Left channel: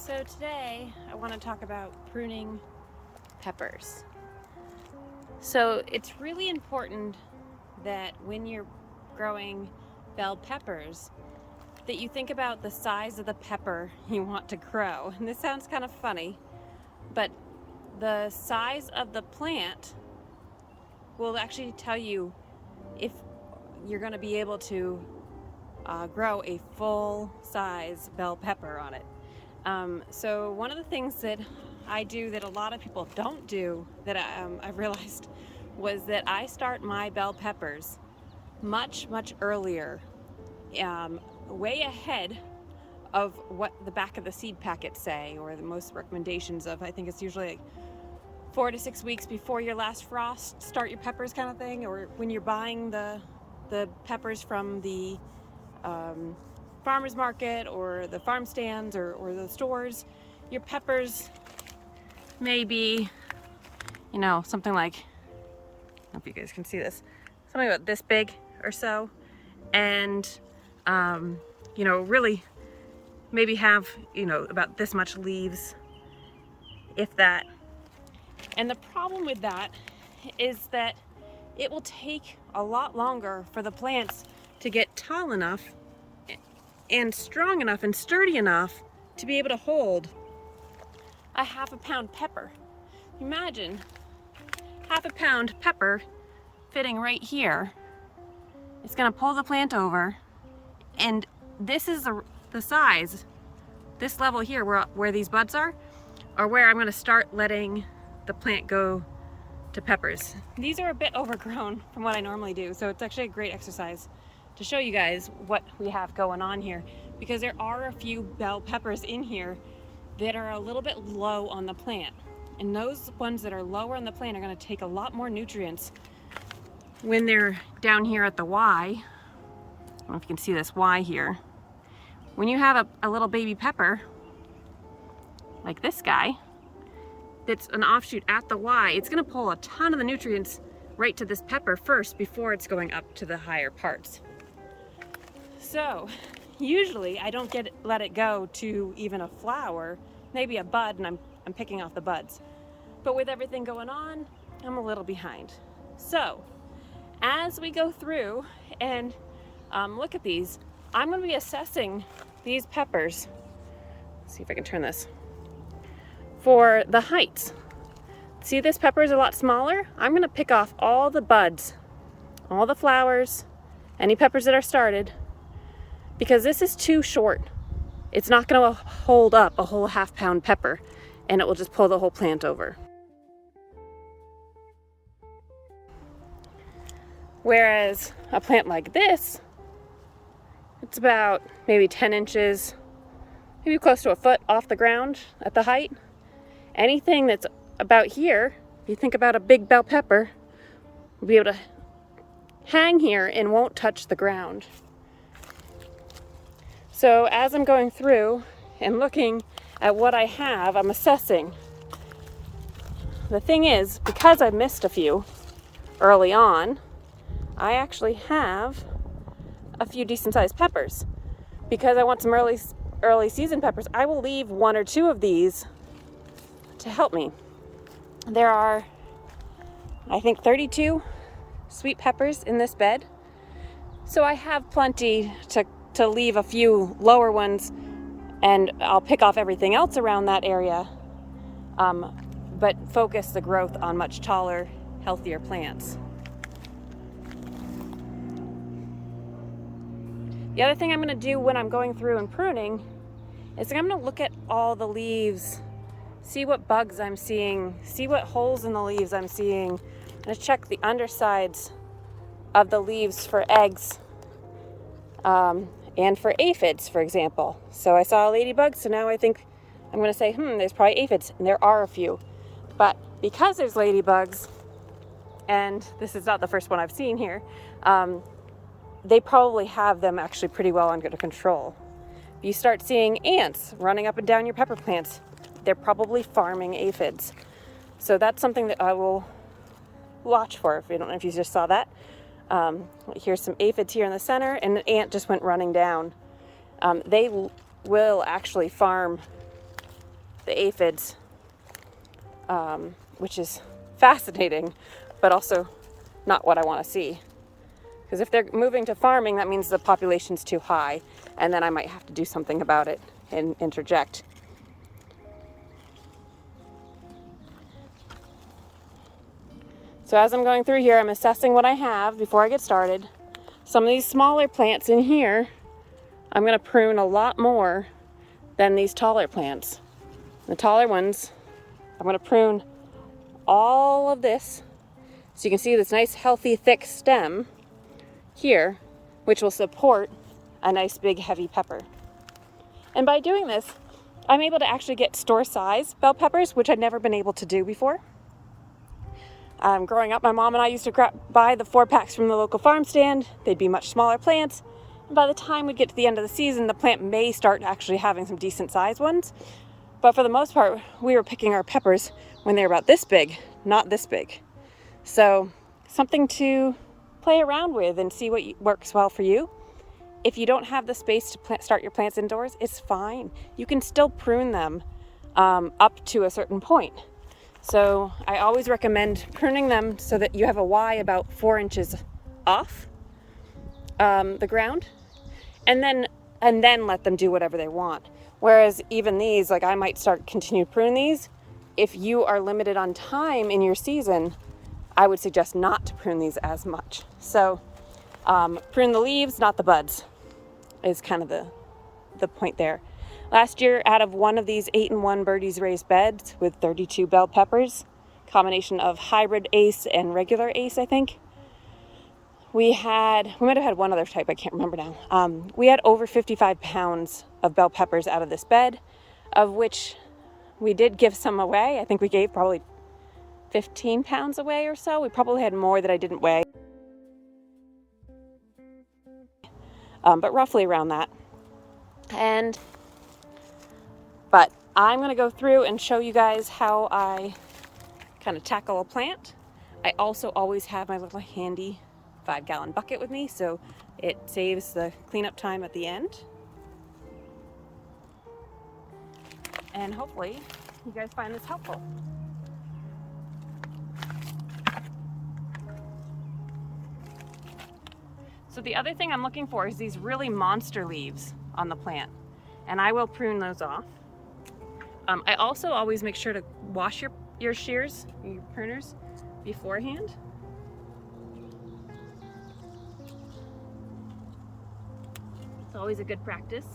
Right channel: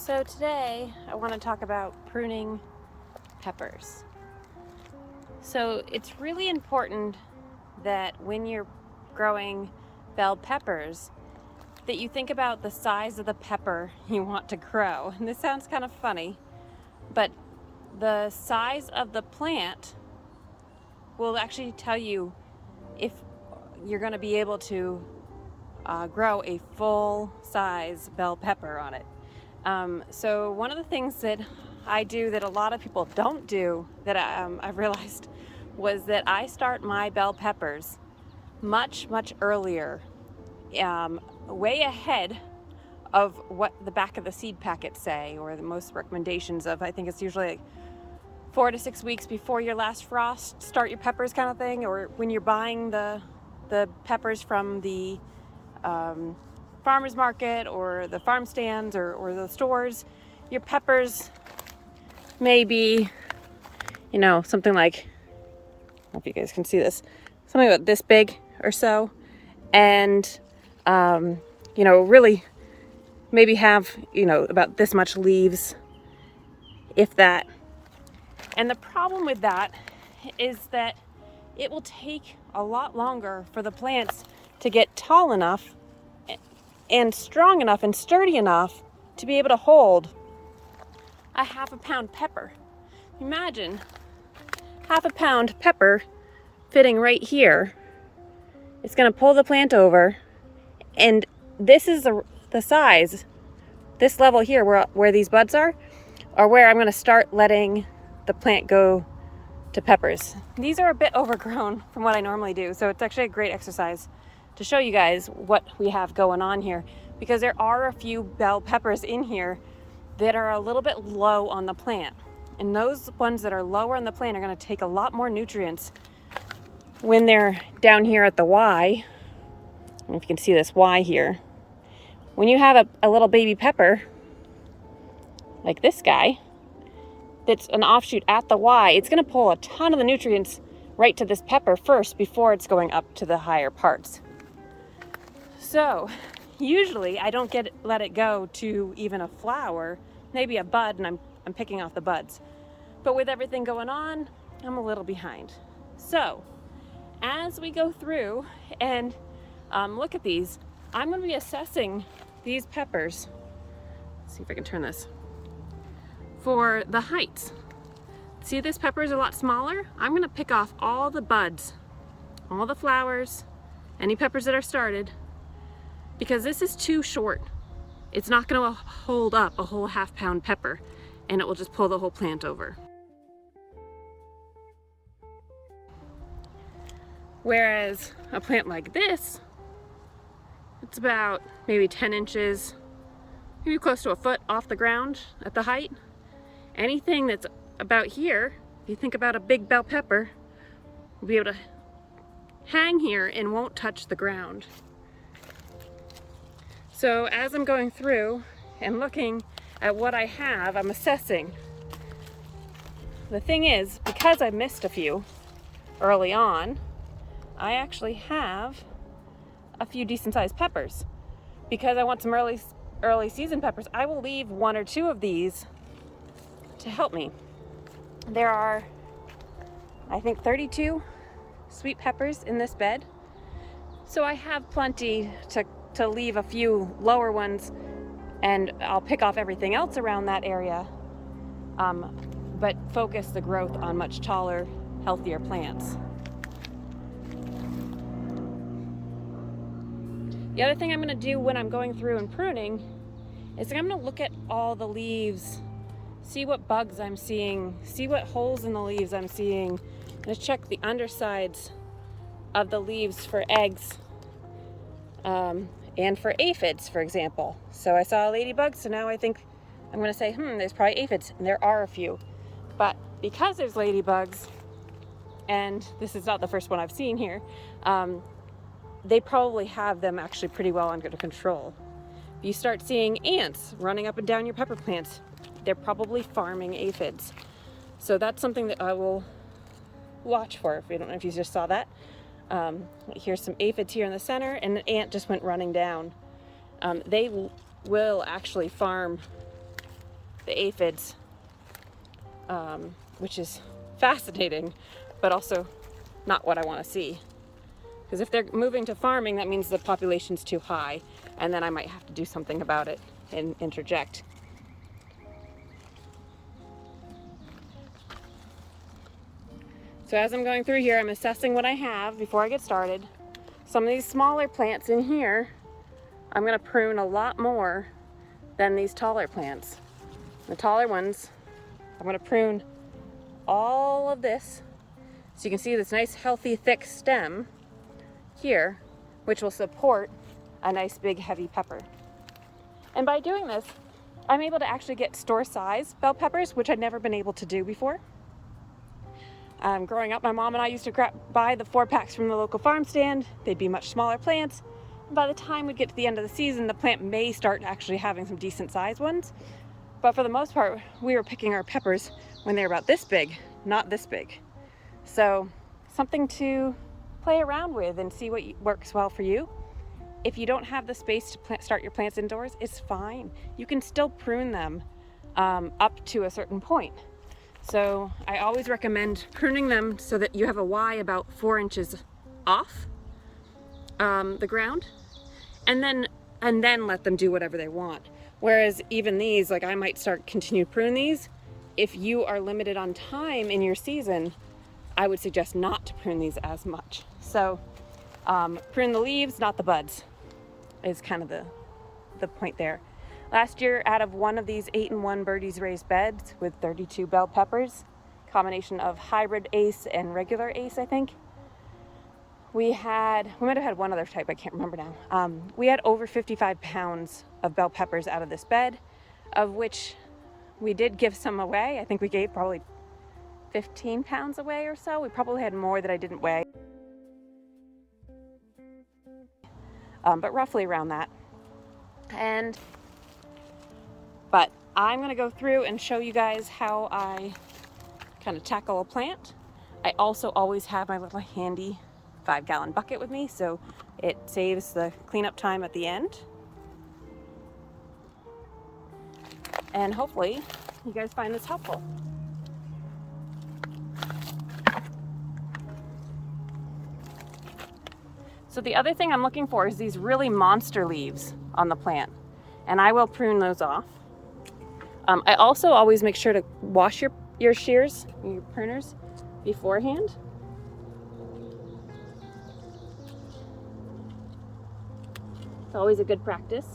So today I want to talk about pruning peppers. So it's really important that when you're growing bell peppers that you think about the size of the pepper you want to grow. And this sounds kind of funny, but the size of the plant will actually tell you if you're going to be able to grow a full size bell pepper on it. So one of the things that I do that a lot of people don't do that I've realized was that I start my bell peppers much earlier, way ahead of what the back of the seed packets say, or the most recommendations of, I think it's usually like 4 to 6 weeks before your last frost, start your peppers kind of thing, or when you're buying the peppers from the farmers market or the farm stands or the stores, your peppers may be, something like, I don't know if you guys can see this, something about this big or so, and really maybe have about this much leaves, if that. And the problem with that is that it will take a lot longer for the plants to get tall enough and strong enough and sturdy enough to be able to hold a half-a-pound pepper. Imagine half-a-pound pepper fitting right here. It's going to pull the plant over, and this is the size, this level here where these buds are where I'm going to start letting the plant go to peppers. These are a bit overgrown from what I normally do, so it's actually a great exercise to show you guys what we have going on here, because there are a few bell peppers in here that are a little bit low on the plant, and those ones that are lower on the plant are going to take a lot more nutrients when they're down here at the Y. I don't know if you can see this Y here. When you have a little baby pepper like this guy that's an offshoot at the Y, it's going to pull a ton of the nutrients right to this pepper first before it's going up to the higher parts. So usually I don't let it go to even a flower, maybe a bud, and I'm picking off the buds. But with everything going on, I'm a little behind. So as we go through and look at these, I'm going to be assessing these peppers. Let's see if I can turn this. For the heights. See, this pepper is a lot smaller. I'm going to pick off all the buds, all the flowers, any peppers that are started, because this is too short. It's not going to hold up a whole half-pound pepper, and it will just pull the whole plant over. Whereas a plant like this, it's about maybe 10 inches, maybe close to a foot off the ground at the height. Anything that's about here, if you think about a big bell pepper, will be able to hang here and won't touch the ground. So as I'm going through and looking at what I have, I'm assessing. The thing is, because I missed a few early on, I actually have a few decent sized peppers. Because I want some early season peppers, I will leave 1 or 2 of these to help me. There are, I think, 32 sweet peppers in this bed. So I have plenty to leave a few lower ones, and I'll pick off everything else around that area, but focus the growth on much taller, healthier plants. The other thing I'm going to do when I'm going through and pruning is I'm going to look at all the leaves, see what bugs I'm seeing, see what holes in the leaves I'm seeing. I'm going to check the undersides of the leaves for eggs and for aphids, for example. So I saw a ladybug, so now I think I'm going to say, there's probably aphids, and there are a few. But because there's ladybugs, and this is not the first one I've seen here, they probably have them actually pretty well under control. You start seeing ants running up and down your pepper plants, they're probably farming aphids. So that's something that I will watch for. If you don't know if you just saw that. Here's some aphids here in the center, and an ant just went running down. They will actually farm the aphids, which is fascinating, but also not what I want to see. Because if they're moving to farming, that means the population's too high, and then I might have to do something about it and interject. So as I'm going through here, I'm assessing what I have before I get started. Some of these smaller plants in here, I'm going to prune a lot more than these taller plants. The taller ones, I'm going to prune all of this, so you can see this nice healthy thick stem here, which will support a nice big heavy pepper. And by doing this, I'm able to actually get store size bell peppers, which I'd never been able to do before. Growing up, my mom and I used to buy the 4-packs from the local farm stand. They'd be much smaller plants. And by the time we'd get to the end of the season, the plant may start actually having some decent sized ones. But for the most part, we were picking our peppers when they were about this big, not this big. So something to play around with and see what works well for you. If you don't have the space to start your plants indoors, it's fine. You can still prune them up to a certain point. So I always recommend pruning them so that you have a Y about 4 inches off the ground, and then let them do whatever they want. Whereas even these, like I might continue to prune these. If you are limited on time in your season, I would suggest not to prune these as much. So prune the leaves, not the buds, is kind of the point there. Last year, out of one of these 8-in-1 Birdies raised beds with 32 bell peppers, combination of hybrid Ace and regular Ace, I think. We might have had one other type, I can't remember now. We had over 55 pounds of bell peppers out of this bed, of which we did give some away. I think we gave probably 15 pounds away or so. We probably had more that I didn't weigh, but roughly around that. But I'm going to go through and show you guys how I kind of tackle a plant. I also always have my little handy 5-gallon bucket with me, so it saves the cleanup time at the end. And hopefully you guys find this helpful. So the other thing I'm looking for is these really monster leaves on the plant, and I will prune those off. I also always make sure to wash your shears, your pruners, beforehand. It's always a good practice.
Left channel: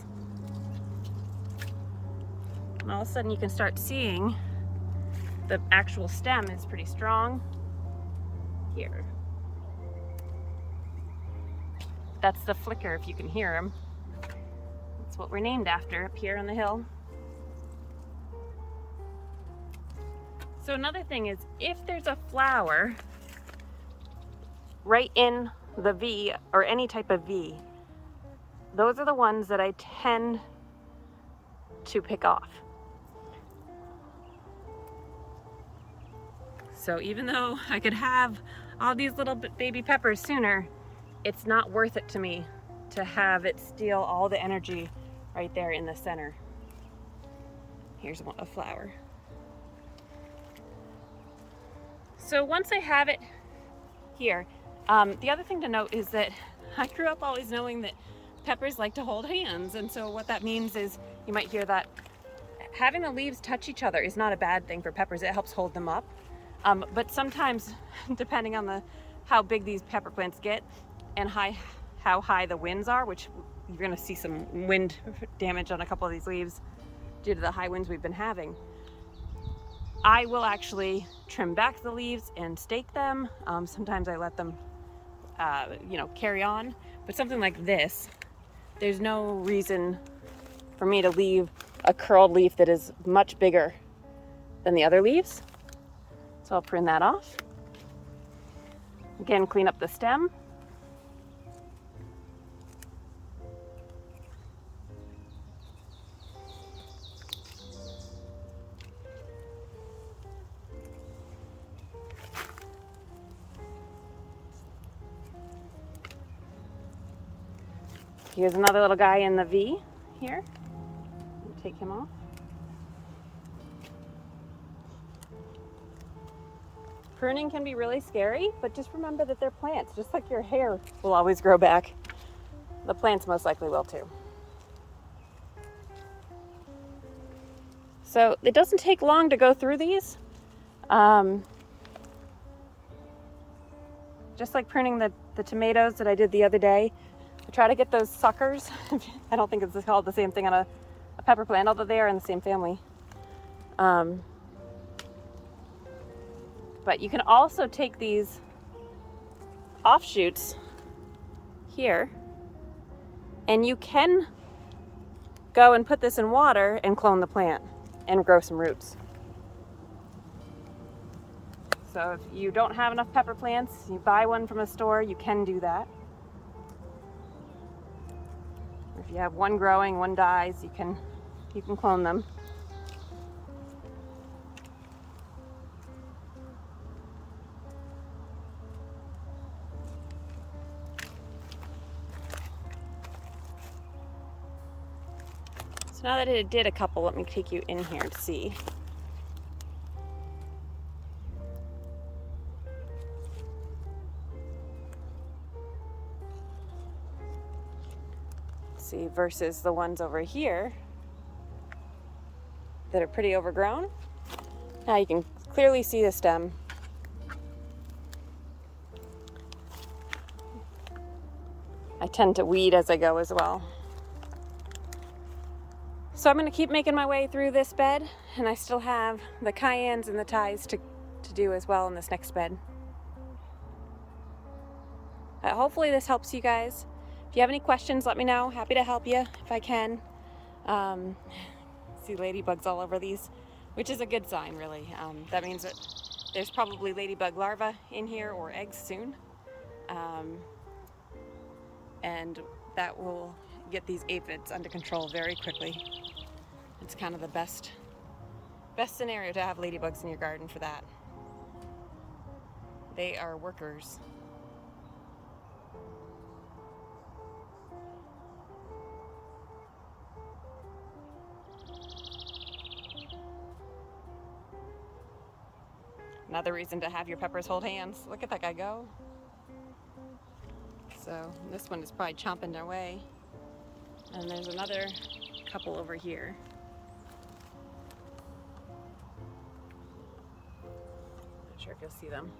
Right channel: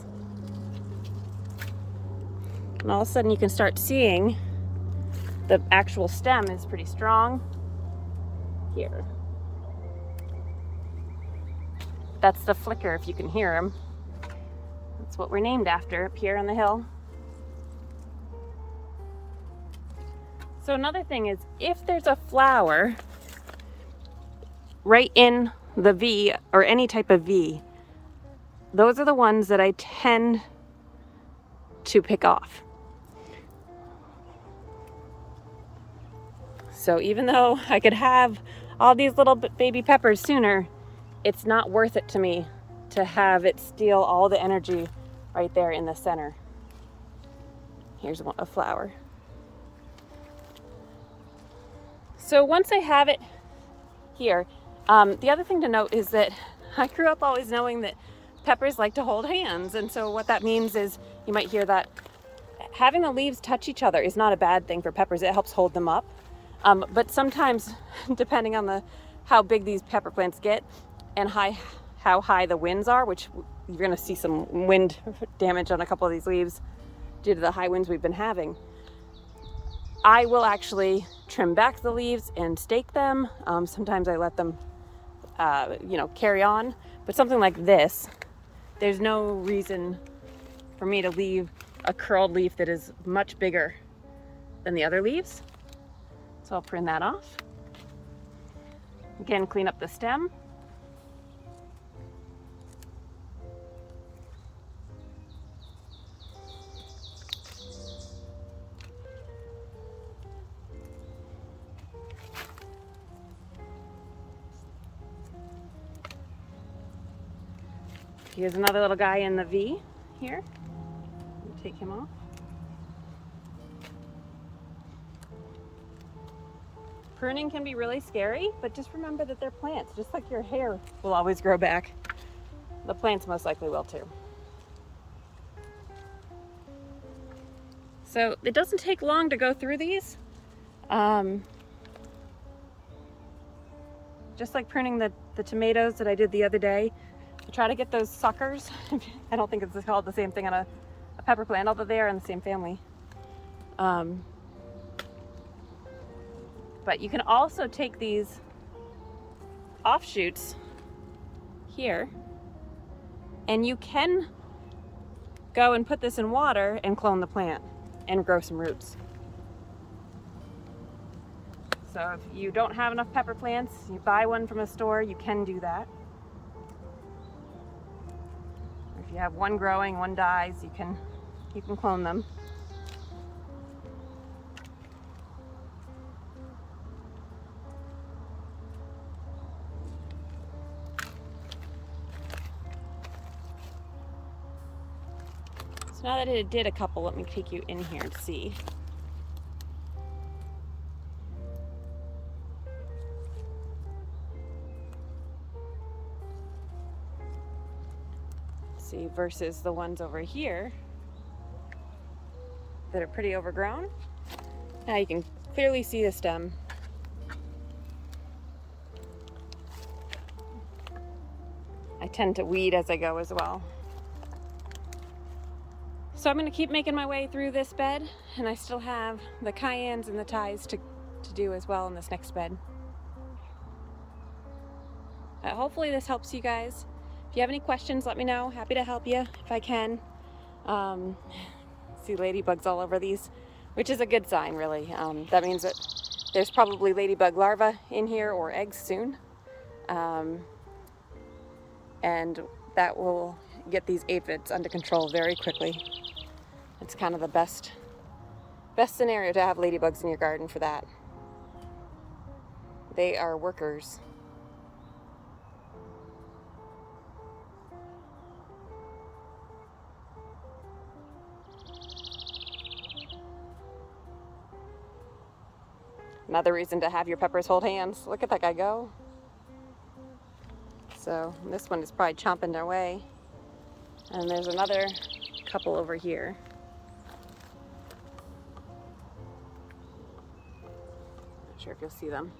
And all of a sudden you can start seeing the actual stem is pretty strong here. That's the flicker, if you can hear him. That's what we're named after up here on the hill. So another thing is, if there's a flower right in the V or any type of V, those are the ones that I tend to pick off. So even though I could have all these little baby peppers sooner, it's not worth it to me to have it steal all the energy right there in the center. Here's a flower. So once I have it here, the other thing to note is that I grew up always knowing that peppers like to hold hands. And so what that means is, you might hear that having the leaves touch each other is not a bad thing for peppers. It helps hold them up. But sometimes, depending on how big these pepper plants get and how high the winds are, which you're gonna see some wind damage on a couple of these leaves due to the high winds we've been having, I will actually trim back the leaves and stake them. Sometimes I let them, carry on. But something like this, there's no reason for me to leave a curled leaf that is much bigger than the other leaves. So I'll prune that off. Again, clean up the stem. Here's another little guy in the V here. Take him off. Pruning can be really scary, but just remember that they're plants. Just like your hair will always grow back, the plants most likely will too. So it doesn't take long to go through these. Just like pruning the tomatoes that I did the other day. I try to get those suckers. I don't think it's called the same thing on a pepper plant, although they are in the same family. But you can also take these offshoots here, and you can go and put this in water and clone the plant and grow some roots. So if you don't have enough pepper plants, you buy one from a store, you can do that. If you have one growing, one dies, you can clone them. So now that it did a couple, let me take you in here to see. See, versus the ones over here that are pretty overgrown. Now you can clearly see the stem. I tend to weed as I go as well. So I'm going to keep making my way through this bed, and I still have the cayennes and the ties to do as well in this next bed. Hopefully this helps you guys. If you have any questions, let me know. Happy to help you if I can. See ladybugs all over these, which is a good sign, really. That means that there's probably ladybug larvae in here or eggs soon. And that will get these aphids under control very quickly. It's kind of the best scenario to have ladybugs in your garden for that. They are workers. Another reason to have your peppers hold hands. Look at that guy go. So this one is probably chomping their way. And there's another couple over here. Not sure if you'll see them.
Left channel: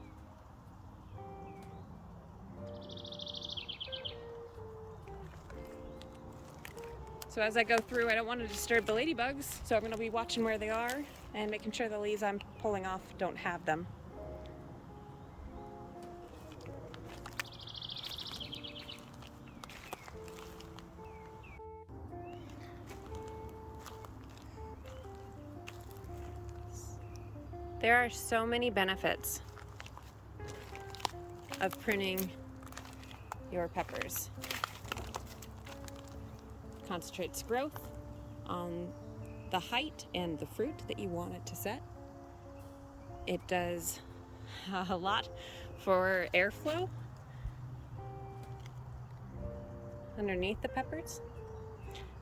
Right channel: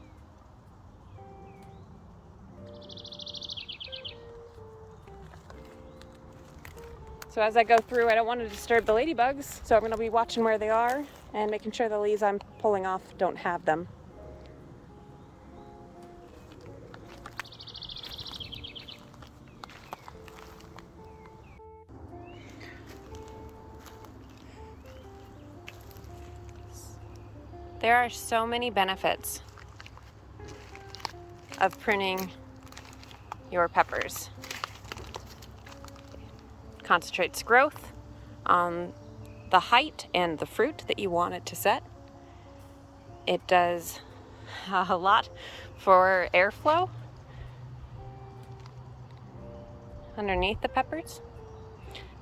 So as I go through, I don't want to disturb the ladybugs, so I'm going to be watching where they are and making sure the leaves I'm pulling off don't have them. There are so many benefits of pruning your peppers. Concentrates growth on the height and the fruit that you want it to set. It does a lot for airflow underneath the peppers,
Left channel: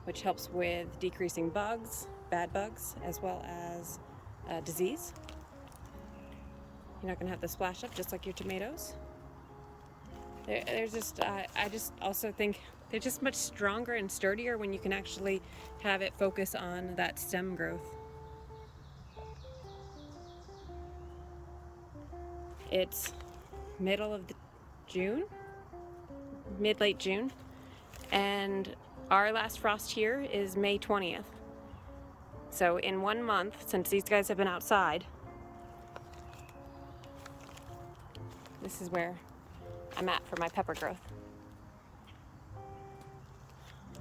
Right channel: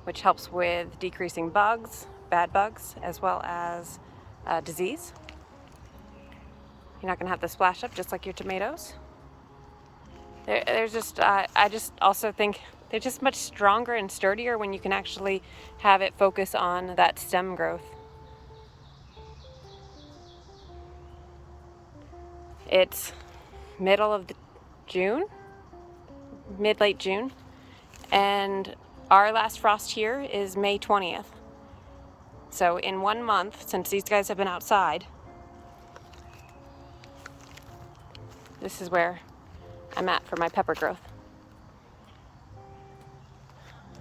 which helps with decreasing bugs, bad bugs, as well as disease. You're not going to have the splash up just like your tomatoes. I just also think they're just much stronger and sturdier when you can actually have it focus on that stem growth. It's middle of June, late June, and our last frost here is May 20th. So in 1 month, since these guys have been outside, this is where I'm at for my pepper growth.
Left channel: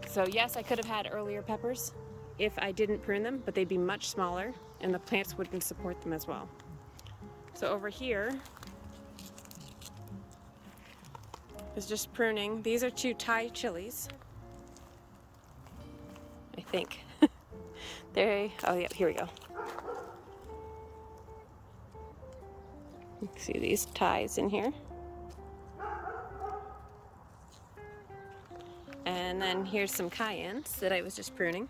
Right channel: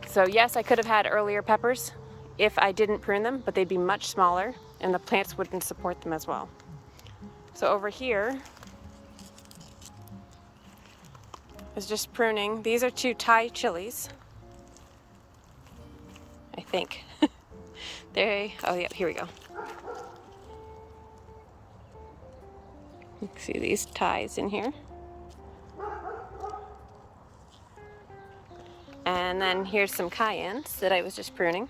So yes, I could have had earlier peppers if I didn't prune them, but they'd be much smaller and the plants wouldn't support them as well. So over here is just pruning. These are 2 Thai chilies, I think. Oh yeah, here we go. See these ties in here. And then here's some cayennes that I was just pruning.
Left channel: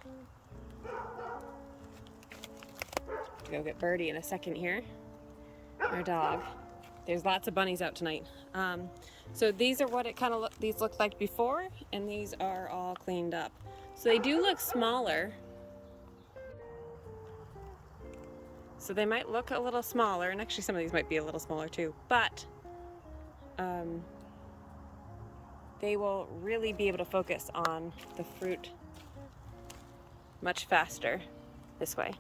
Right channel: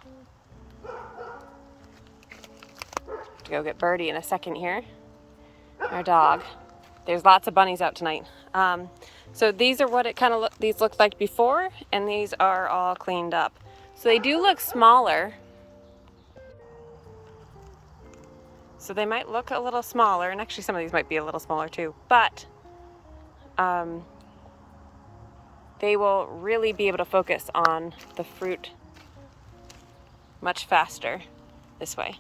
To go get Birdie in a second here, our dog. There's lots of bunnies out tonight. So these are what it kind of these looked like before, and these are all cleaned up. So they do look smaller. So they might look a little smaller, and actually some of these might be a little smaller too, but they will really be able to focus on the fruit much faster this way.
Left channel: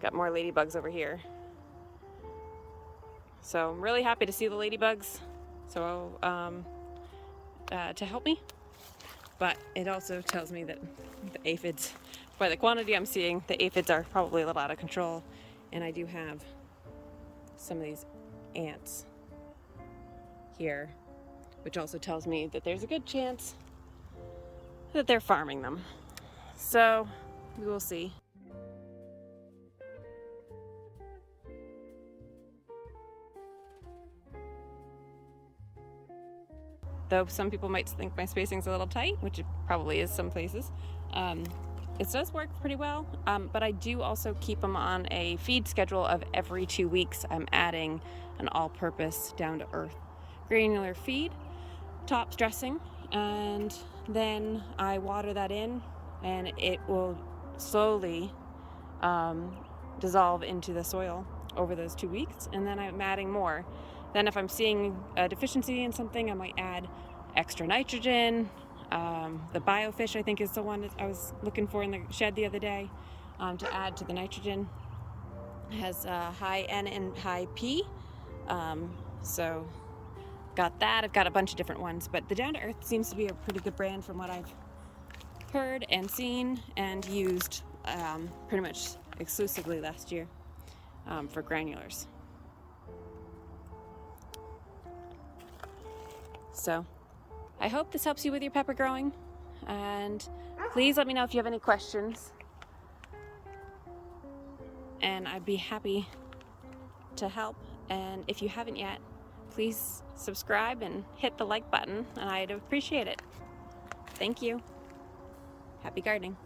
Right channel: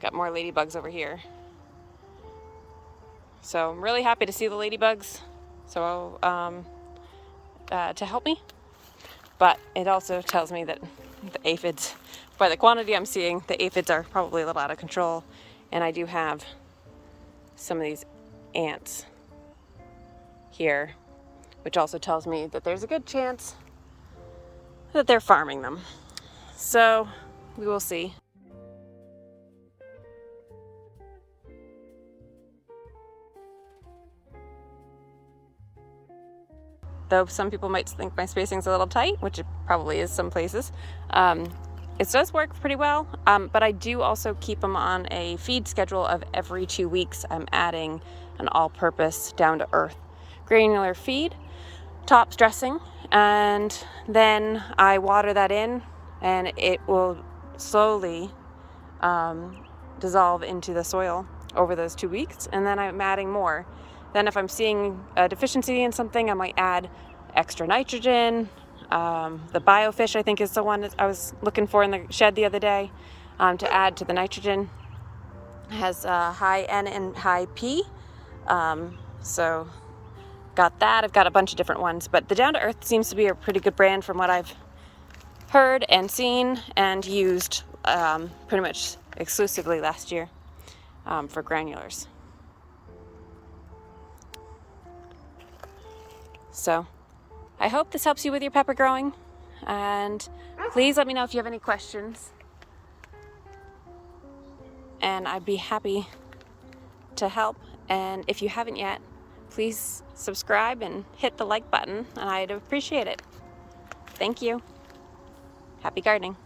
Got more ladybugs over here. So I'm really happy to see the ladybugs to help me, but it also tells me that the aphids, by the quantity I'm seeing, the aphids are probably a little out of control, and I do have some of these ants here, which also tells me that there's a good chance that they're farming them. So we will see. Though some people might think my spacing's a little tight, which it probably is some places, it does work pretty well, but I do also keep them on a feed schedule of every 2 weeks. I'm adding an all-purpose, down-to-earth granular feed, top dressing, and then I water that in, and it will slowly dissolve into the soil over those 2 weeks, and then I'm adding more. Then if I'm seeing a deficiency in something, I might add extra nitrogen. The biofish, I think, is the one that I was looking for in the shed the other day, to add to the nitrogen. It has high N and high P. So got that. I've got a bunch of different ones, but the Down to Earth seems to be a pretty good brand from what I've heard and seen and used pretty much exclusively last year for granulars. So I hope this helps you with your pepper growing, and please let me know if you have any questions, and I'd be happy to help. And if you haven't yet, please subscribe and hit the like button, and I'd appreciate it. Thank you. Happy gardening.